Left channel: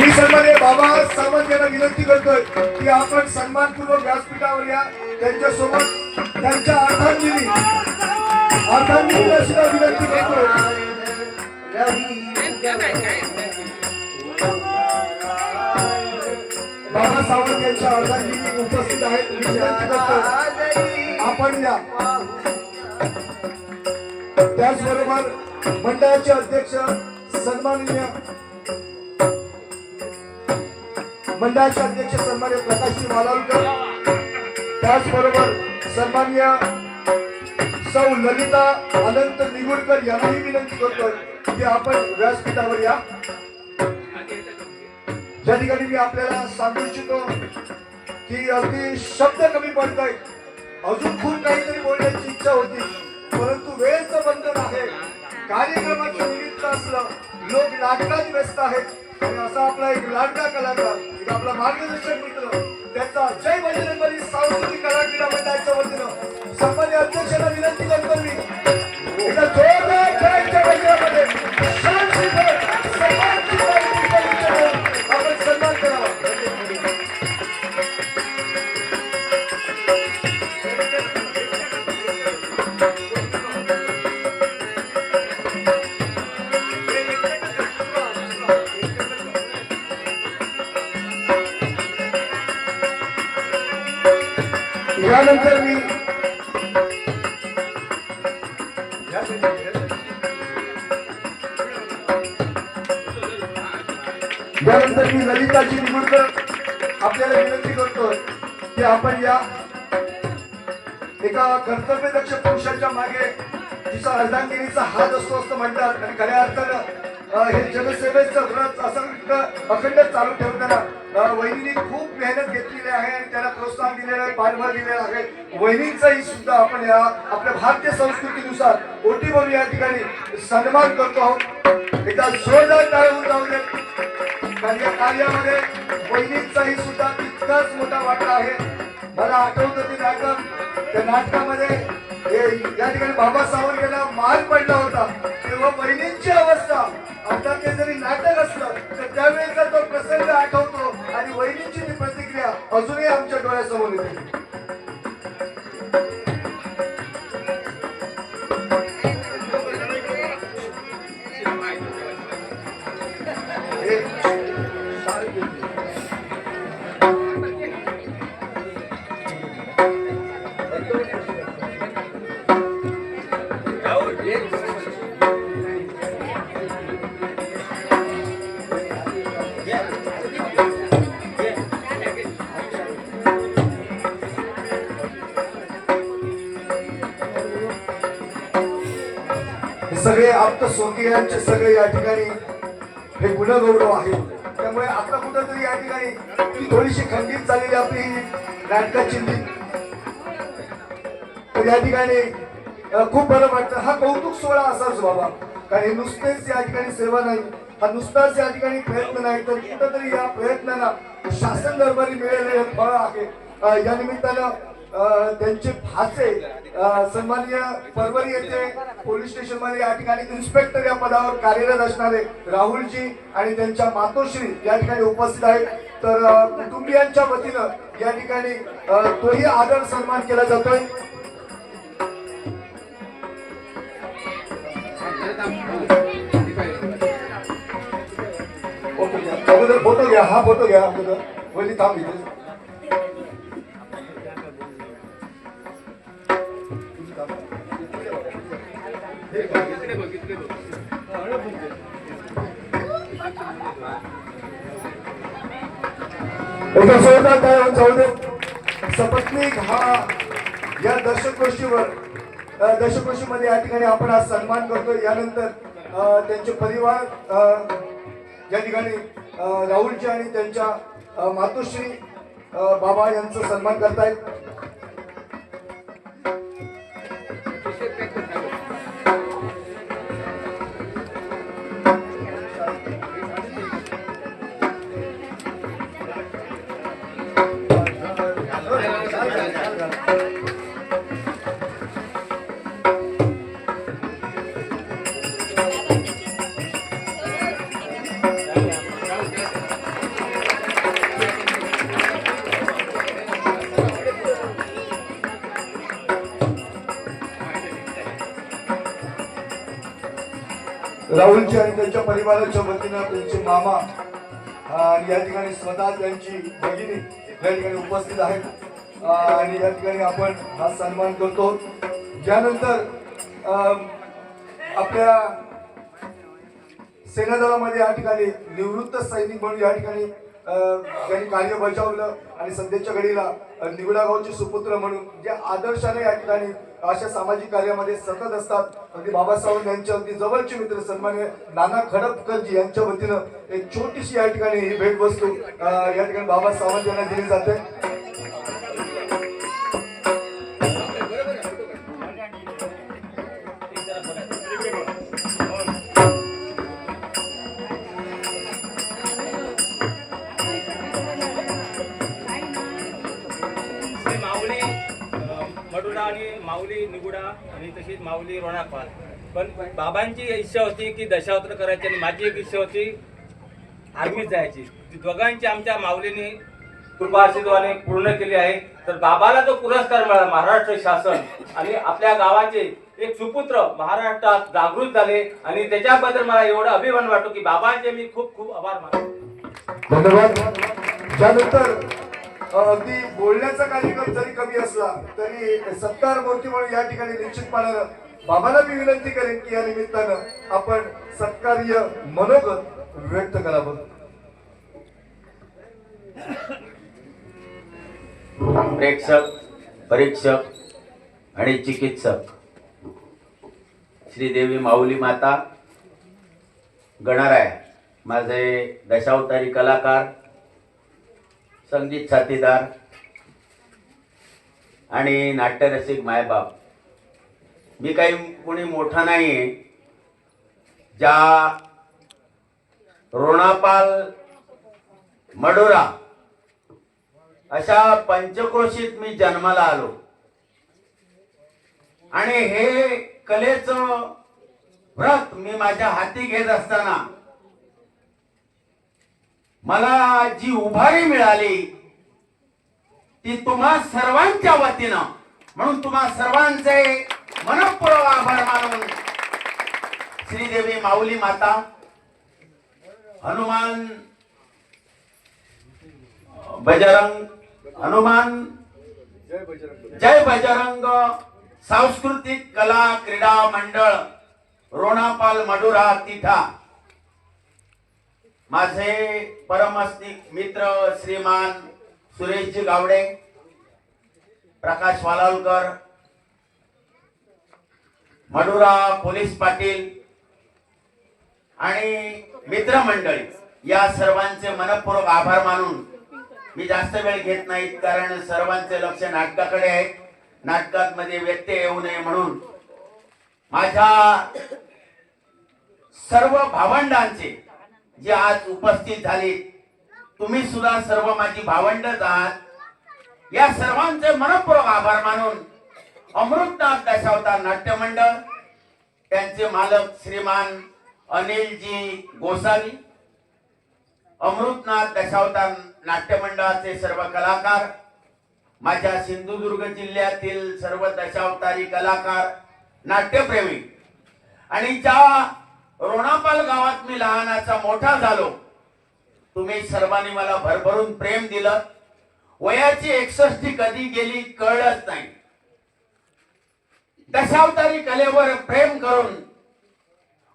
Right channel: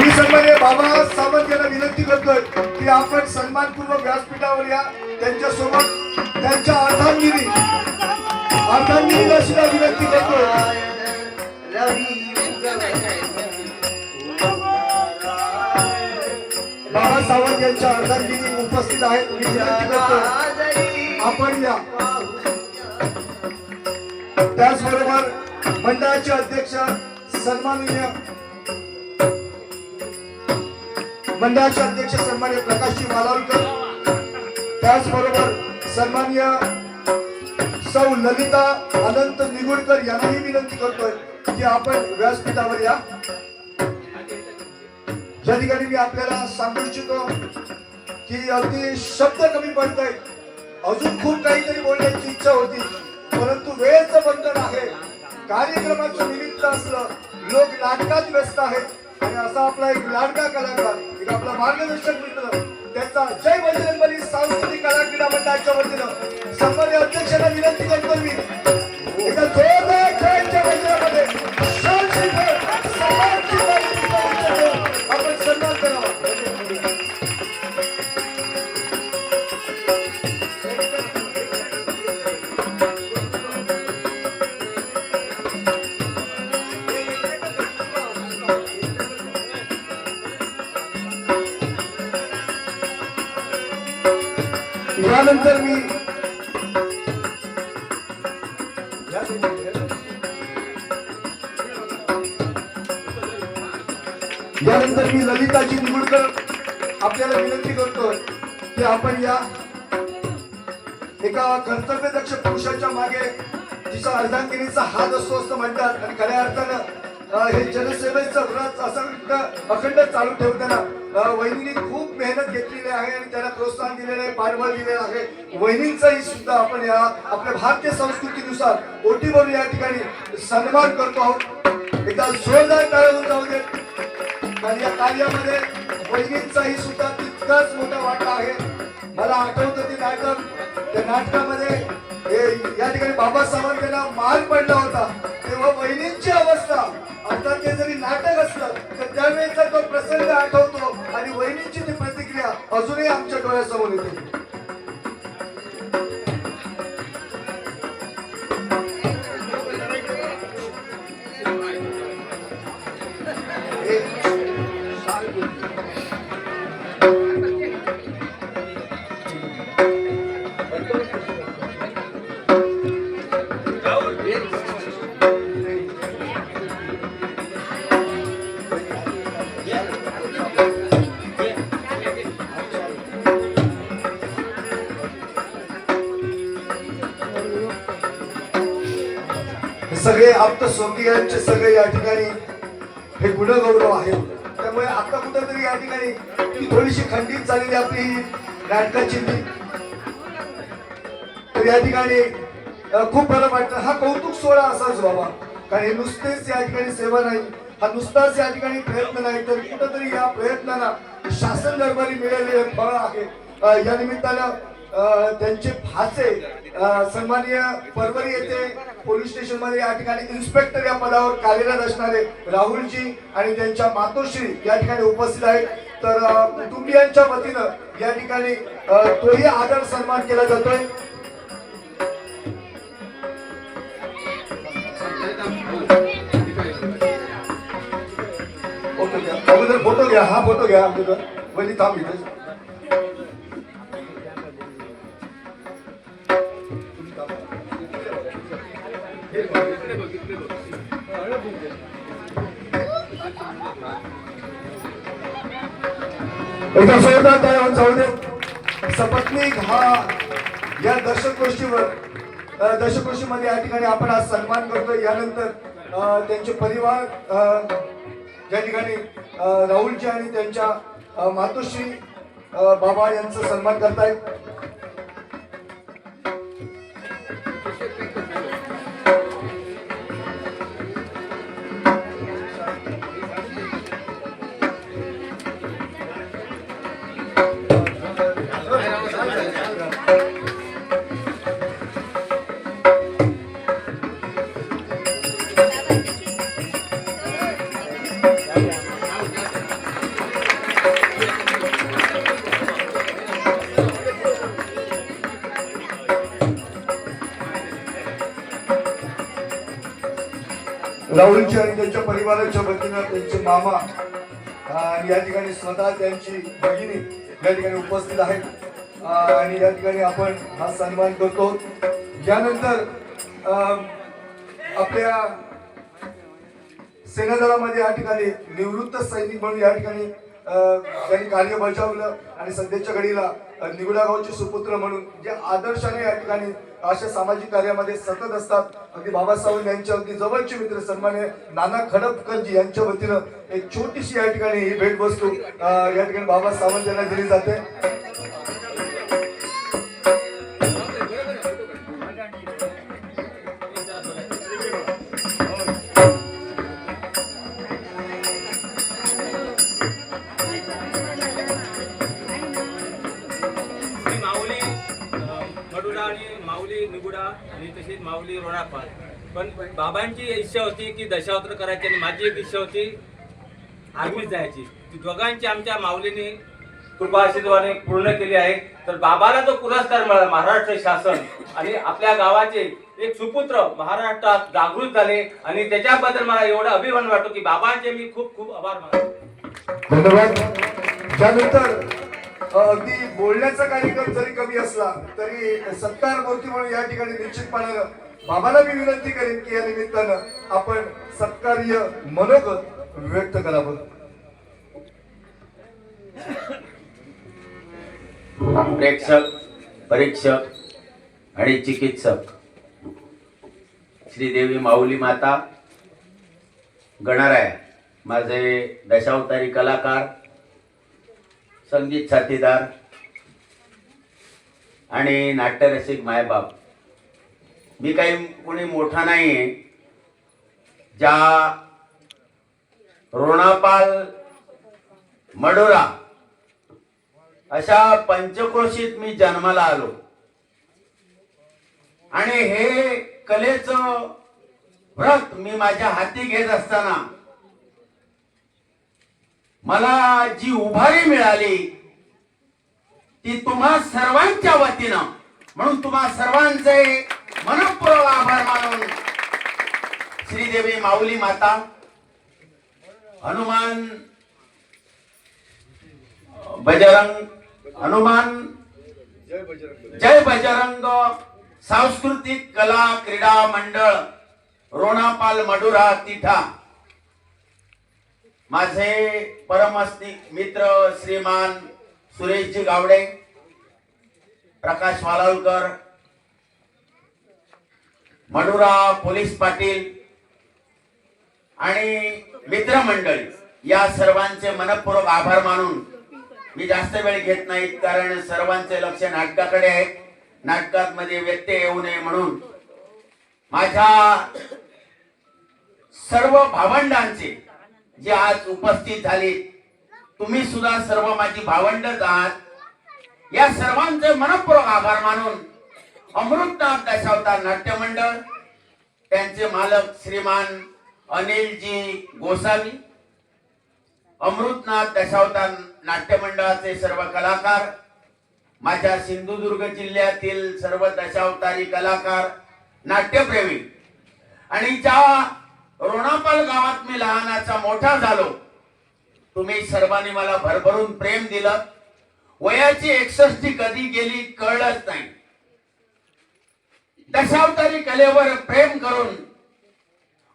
मी सन्मान्य बाबा सावंत यांना विनंती करतोय की आपण सन्मानपूर्वक व्यासपीठावर या. त्यांच्यासोबत त्यांच्या अर्धांगिनी अर्धांगिनीला सुद्धा विनंती करतोय. बाबा सावंत यांच्या अर्धांगिनी उपस्थित आहेत. मी विनंती करतोय आपण या. त्याचबरोबर मंडळाचे अध्यक्ष सन्माननीय मंडळाचे अध्यक्ष सन्मान्य प्रकाशजी मालवलकर त्याचबरोबर सन्मान्य सौ ललिता अनंत निगुडकर यांनाही विनंती करतोय की आपण व्यासपीठावर या. ज्या ठिकाणी मी आपल्याला सांगू इच्छितो की अगदी शब्द कमी पडतोय. अजून खूप काहीतरी बोलण्याची इच्छा होती परंतु वेळेचं बंधन आहे. कार्यक्रमाच्या निमित्त असलं लोक नाटकात व्यस्त आहेत. आणि असा आपला एक लाडका कलाकार एक आपला मार्गदर्शक मित्र त्याचा जय बजरंगबली सांस्कृतिक कला क्रीडा मंडळाच्या वतीनं संबंधी अध्यक्षांना विनंती करतो मी. एका जोरदार खेळाच्या मैदानामध्ये. यानंतर मी ललिताची निवडकर आपल्याला विनंती करतोय की आपण या एका कर्तव्यदक्ष पुरुषाच्या मागे जिचा अर्धांगिनीचा हात असतो असं म्हणतात. आणि खऱ्या अर्थानं हे जनसेवेचं व्रत असं अखंड चालू ठेवताना वहिनी खूप मेहनत घेतलेली आहे आणि त्यांना प्रोत्साहन दिलेलं आहे पाठबळ दिलेलं आहे. वहिनींचाही सुद्धा आपण या आपल्या भारतीय संस्कृतीनुसार ओटी बोलू या ठिकाणी सन्मान करतो आहोत. एकदा जोरदार टाळून जाऊ दे. कारण या कार्यामध्ये वहिनींचाही सुद्धा तितकाच मोठा वाटा आहे. मला आठवतं ते नाटक. त्या नाटकामध्ये हे या ठिकाणी बाबा सावंत यांना मान पडला होता. तेव्हा बहिणींची अवस्था अर्थात ते जरी नाटक असलं तर त्यावेळेचा तो प्रसंग सगळे आप्त स्वकीयांचे सगळे या ठिकाणी हे गुणगौरव आहे. त्यामुळे आता कुठंतरी या ठिकाणी ती थोडीशी खंडित झालेली आपली नाटकाची तर या ठिकाणी खूप बरं वाटतं. हा कौतुक सोहळा असाच बाबा. कारण हे नुसतेच या ठिकाणी सेवा नाही. हा नुसताच या ठिकाणी प्रयत्न नाही. तर कुठंतरी या प्रयत्नाला शासन दरबारी मिळालेलं फळ आहे. या निमित्तानं त्यांचे भाचे अ, सन्माननीय परवरी येथे पोलीस स्टेशनमध्ये या ठिकाणी इन्स्पेक्टर या पदावर कार्यरत असणारे राहुलजी आणि त्यांच्या मातोश्री या ठिकाणी उपस्थित आहेत. तर कुटुंबियांच्या वतीनं या ठिकाणी तोही आदर सन्मान केला जातोय. फोटो घ्या अगोदर फोटो घ्या. हा फोटो घ्या वरती थांब इथे एका जोरदार टाळ्या जाऊ दे. सपत्नीक हा या दर्शक गोष्टीवर या ठिकाणी आपण आज सन्मान करतो यानंतर त्यांचे परिवार ज्या या ठिकाणी राहुलजी आणि त्यांच्या मातोश्री बाबा यांचा सन्मान करतायत. राहुलच्या आणि त्यांच्या परिवाराच्या वतीनं त्यांचे मामा या ठिकाणी स्वतः त्यांची भगिनी या ठिकाणी उपस्थित आहेत. आणि या ठिकाणी आपण हा सन्मान करतो. यानंतर अं, आपल्या सेनादलामध्ये या ठिकाणी निवृत्त सैनिक म्हणून या ठिकाणी त्यांनी कार्य बजावलं आणि सध्याच्या घडीला अं, सुपुत्र म्हणून जे आदर्शाने या ठिकाणी अशा सामाजिक कार्यामध्ये सतत असतात. अगदी बाबासाहेब यांच्या अगदी जवळचे मित्र सन्मान्य नाना खडपकरजी यांच्या वतीनं एक छोटीशी या ठिकाणी ही भेटवस्तू या ठिकाणी बाबा सावंत यांना दिली जाते. माऊली रोणापाल. पण बाबांची इच्छा होती की दशावत्र करायची आणि माझी एक इच्छा होती आर्मीत जायची. ती दोघांची आमच्या माऊलीने कृपाशीर्वाने पूर्ण केली आहे. तर बाबाला जो पुरस्कार मिळाला महाराष्ट्र शासन. आणि आपल्या गावाचे एक सुपुत्र महाराष्ट्रात जागृत झाले आणि त्याच्याबद्दल मला एवढं अभिमान वाटतो की बाबांचे मी खूप खूप आभार मानतो. धन्यवाद. त्यानंतर अगदी बोलण्याचा कार्यक्रम जरी कमी असला तरी सत्कार मूर्ती म्हणून या ठिकाणी निश्चितपणानं बाबाला मी विनंती करेन की या निमित्तानं आपण सत्कार्य मनोगत व्यक्त करावं प्रेक्षक परीक्षक आणि चिकित्सक श्रीदेवी माऊली माता गणाराय माझे दशावतारी कलाकार संगीत साथीदार आणि नाट्यरसिक मायबाप. मी काही कोणी मोठा नाही आहे ज्या रोणापाल मडोरा अशा पंचक्रोशीत मी जन्माला आलो. आणि हे कलेचं व्रत मी माझ्या हाती घेत असताना मला जी उभारी मिळाली ती तुम्हा सर्वांच्या वतीनं म्हणून तुम्हा सर्वांचे मनपूर्वक आभार मानून श्रीदेवी माऊली माता हनुमान बजरंग हनुमान जय बजरंग सांस्कृतिक कला क्रीडा मंडळ रोणापाल मडुरा तिठा. माझे परमस्तिक मित्र श्रीमान सुरेशजी गावडे प्रकाश वालालकर मडुरा पोलीस पाटील आणि मित्रमंडळी या सर्वांचे मनपूर्वक आभार मानून मी जास्त वेळ घेत नाहीत कारण सर्वांचे लक्ष नाटकाकडे आहे. नाटकात मध्ये व्यत्यय येऊ नये म्हणून माझ्या सर्व भावंडांचे जे आज उपस्थित झाले तुम्ही सुद्धा सर्व माझी भावंडच आहात. या सर्वांचे मनपूर्वक आभार मानून अमृतनाथ दशावतार नाट्य मंडळ त्यांचे मालक श्रीमान अनिलजी गोसावी अमृतनाथ दशावतार नाट्य मंडळाचे सर्व कलाकार माझ्या सिंधुदुर्ग जिल्ह्यातील सर्व दशावतारी कलाकार नाट्यप्रेमी. आणि ज्या रोणापाल गावात मी लहानाचा मोठा झालो. तुम्ही सर्वांनी मला भरभरून प्रेम दिलं. वयाची एकसष्टी कधी गेली कळलंच नाही. दशावतारी कलेवर प्रेम करून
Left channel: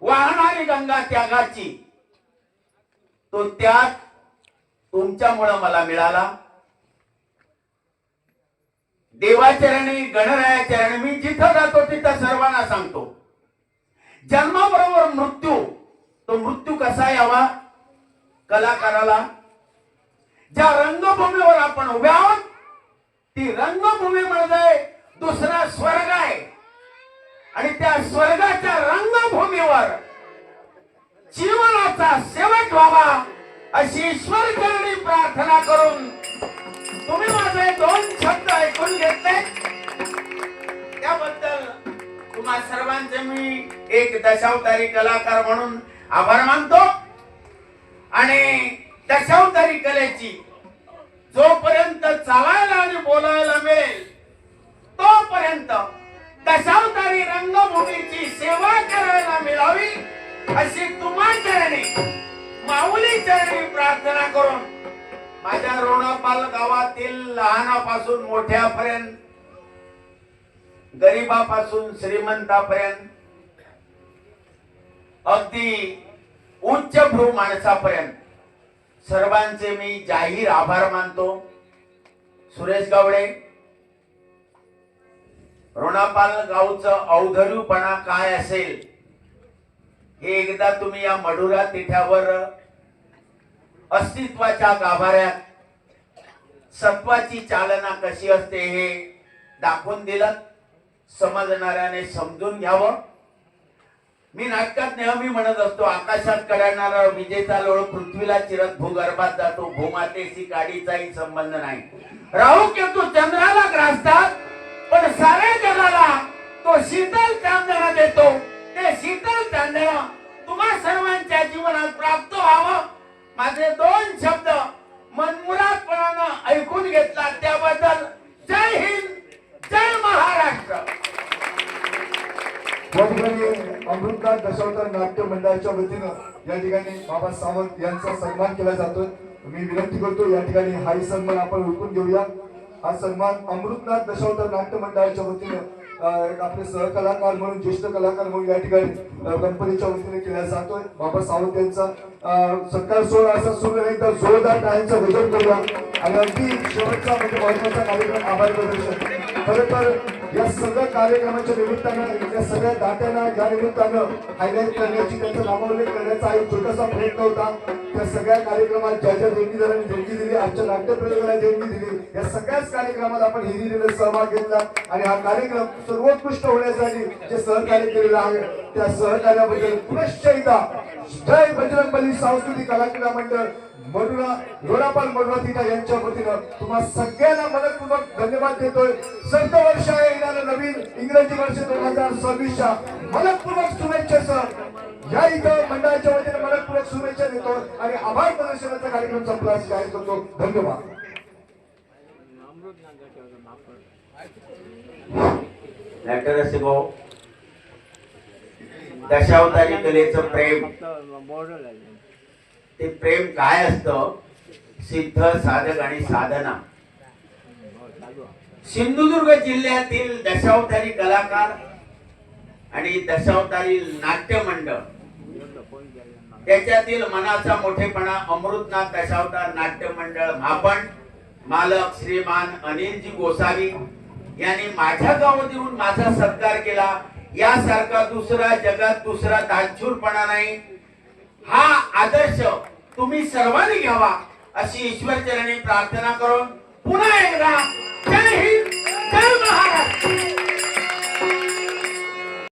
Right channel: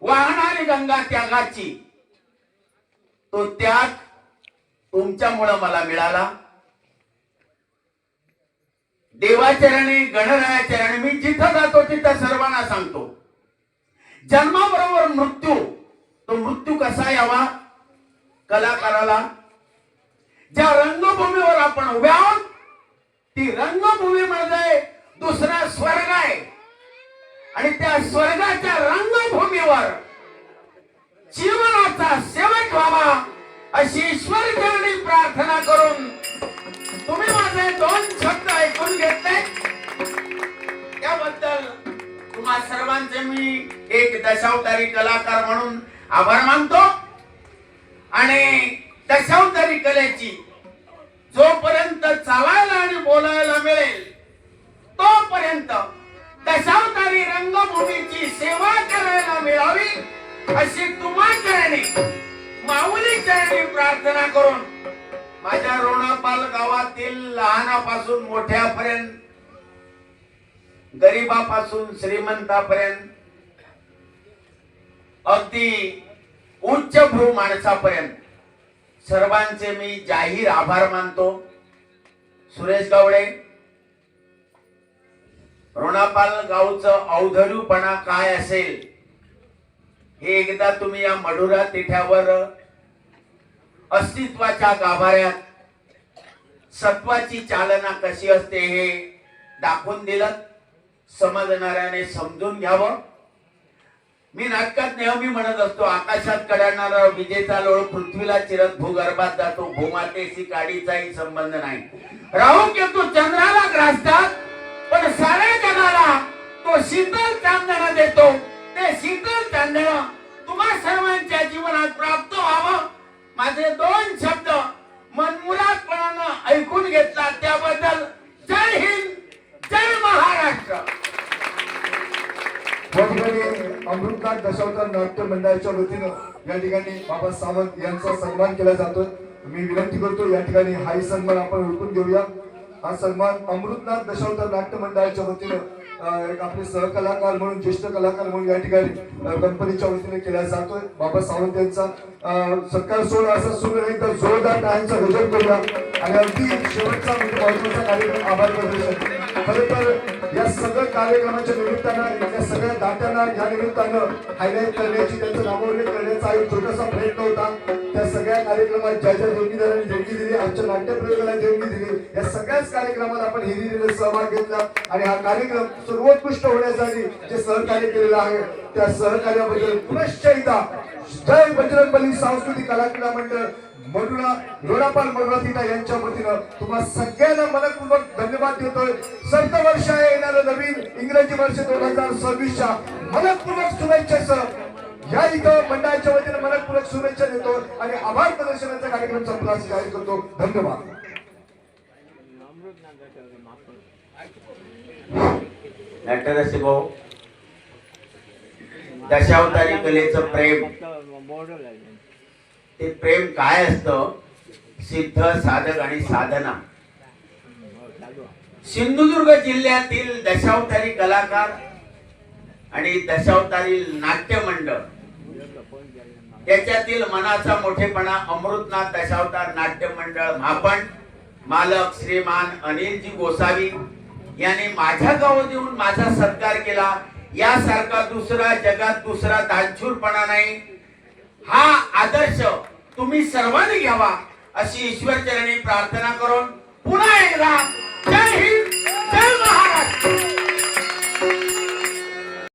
वाहणारी गंगा त्यागाची. तो त्याग तुमच्यामुळं मला मिळाला. देवाचरणी गणरायाचरणी मी जिथं जातो तिथं सर्वांना सांगतो. जन्माबरोबर मृत्यू. तो मृत्यू कसा यावा? कलाकाराला. ज्या रंगभूमीवर आपण उभे आहोत ती रंगभूमी म्हणजे दुसरा स्वर्ग आहे. आणि त्या स्वर्गाच्या रंगभूमीवर जीवनाचा शेवट व्हावा अशी ईश्वर चरणी प्रार्थना करून तुम्ही माझे दोन शब्द ऐकून घेतले. त्याबद्दल तुम्हा सर्वांचे मी एक दशावतारी कलाकार म्हणून आभार मानतो. आणि दशावतारी कलेची जोपर्यंत चालायला आणि बोलायला मिळेल तोपर्यंत दशावतारी रंगभूमीची सेवा करायला मिळावी अशी तुम्हा चरणी माऊली चरणी प्रार्थना करून माझ्या रोणापाल गावातील लहानापासून मोठ्यापर्यंत गरीबापासून श्रीमंतापर्यंत अगदी उच्च भू माणसापर्यंत सर्वांचे मी जाहीर आभार मानतो. सुरेश गावडे रोणापाल गावचं अवधडूपणा काय असेल हे एकदा तुम्ही या मडुरा तिठ्यावर अस्तित्वाच्या गाभाऱ्यात सत्वाची चालना कशी असते हे दाखवून दिलं समजणाऱ्याने समजून घ्यावं. मी नाटकात नेहमी म्हणत असतो आकाशात कडाडणारा विजेचा लोळ पृथ्वीला चिरत भूगर्भात जातो भूमातेशी काडीचाही संबंध नाही. राहू केतू चंद्राला ग्रासतात पण साऱ्या जगाला तो शीतल चांदण देतो. ते शीतल चांदण तुम्हा सर्वांच्या जीवनात प्राप्त व्हावं. माझे दोन शब्द मनमुरादपणानं ऐकून घेतला त्या जय हिंद जय महाराष्ट्र याठिकाणी अमृतनाथ दशावतार नाट्य मंडळाच्या वतीनं या ठिकाणी बाबा सावंत यांचा सन्मान केला जातो मी विनंती करतो या ठिकाणी हाही सन्मान आपण उठून घेऊया. हा सन्मान अमृतनाथ दशावतार नाट्य मंडळाच्या वतीनं एक आपले सहकलाकार म्हणून ज्येष्ठ कलाकार म्हणून या ठिकाणी गणपतीच्या वतीने केला जातोय. बाबा सावंत यांचा सत्कार सोहळा असा सुरू आहे. एकदा जोरदार टाळ्यांचं गजर करूया. आणि अगदी शेवटचा म्हणजे महत्त्वाचा कार्यक्रम आभार प्रदर्शन खरं तर या सगळ्या कार्यक्रमाच्या निमित्तानं या सगळ्या दात्यांना या निमित्तानं हायलाईट करण्याची त्यांचं नामावली करण्याचा एक छोटासा प्रयत्न होता. त्या सगळ्या कार्यक्रमात ज्या ज्या देणगीदारांनी देणगी दिली आमच्या नाट्यप्रयोगाला देणगी दिली. या सगळ्याच कार्यक्रमात आपण हिरिरीने सहभाग घेतला. आणि हा कार्यक्रम सर्वोत्कृष्ट होण्यासाठी जे सहकार्य केलेलं आहे त्या सहकार्याबद्दल पुनश्च एकदा जय बजरंगबली सांस्कृतिक कलाक्रीडा मंडळ मरुणा लोणापाल मरुणा तिटा यांच्या वतीनं तुम्हा सगळ्यांना मनपूर्वक धन्यवाद देतोय. सप्तवर्ष वर्ष येणारं नवीन इंग्रजी वर्ष दोन हजार सव्वीसच्या. मनपूर्वक शुभेच्छेसह या इथं मंडळाच्या वतीने मनपूर्वक शुभेच्छा देतो आणि आभार प्रदर्शनाचा कार्यक्रम संपला जाहीर करतो. धन्यवाद. डॉक्टर भाऊ दशावतारी कलेचं प्रेम. ते प्रेम काय असतं? सिद्ध साधक आणि साधना. सिंधुदुर्ग जिल्ह्यातील दशावतारी कलाकार आणि दशावतारी नाट्य मंडळ त्याच्यातील मनाचा मोठेपणा अमृतनाथ दशावतार नाट्य मंडळ मापण मालक श्रीमान अनिलजी गोसावी यांनी माझ्या गावात येऊन माझा सत्कार केला. यासारखा दुसरा जगात दुसरा दानशूरपणा नाही. हा आदर्श तुम्ही सर्वांनी घ्यावा अशी ईश्वर चरणी प्रार्थना करून पुन्हा एकदा जय हिंद.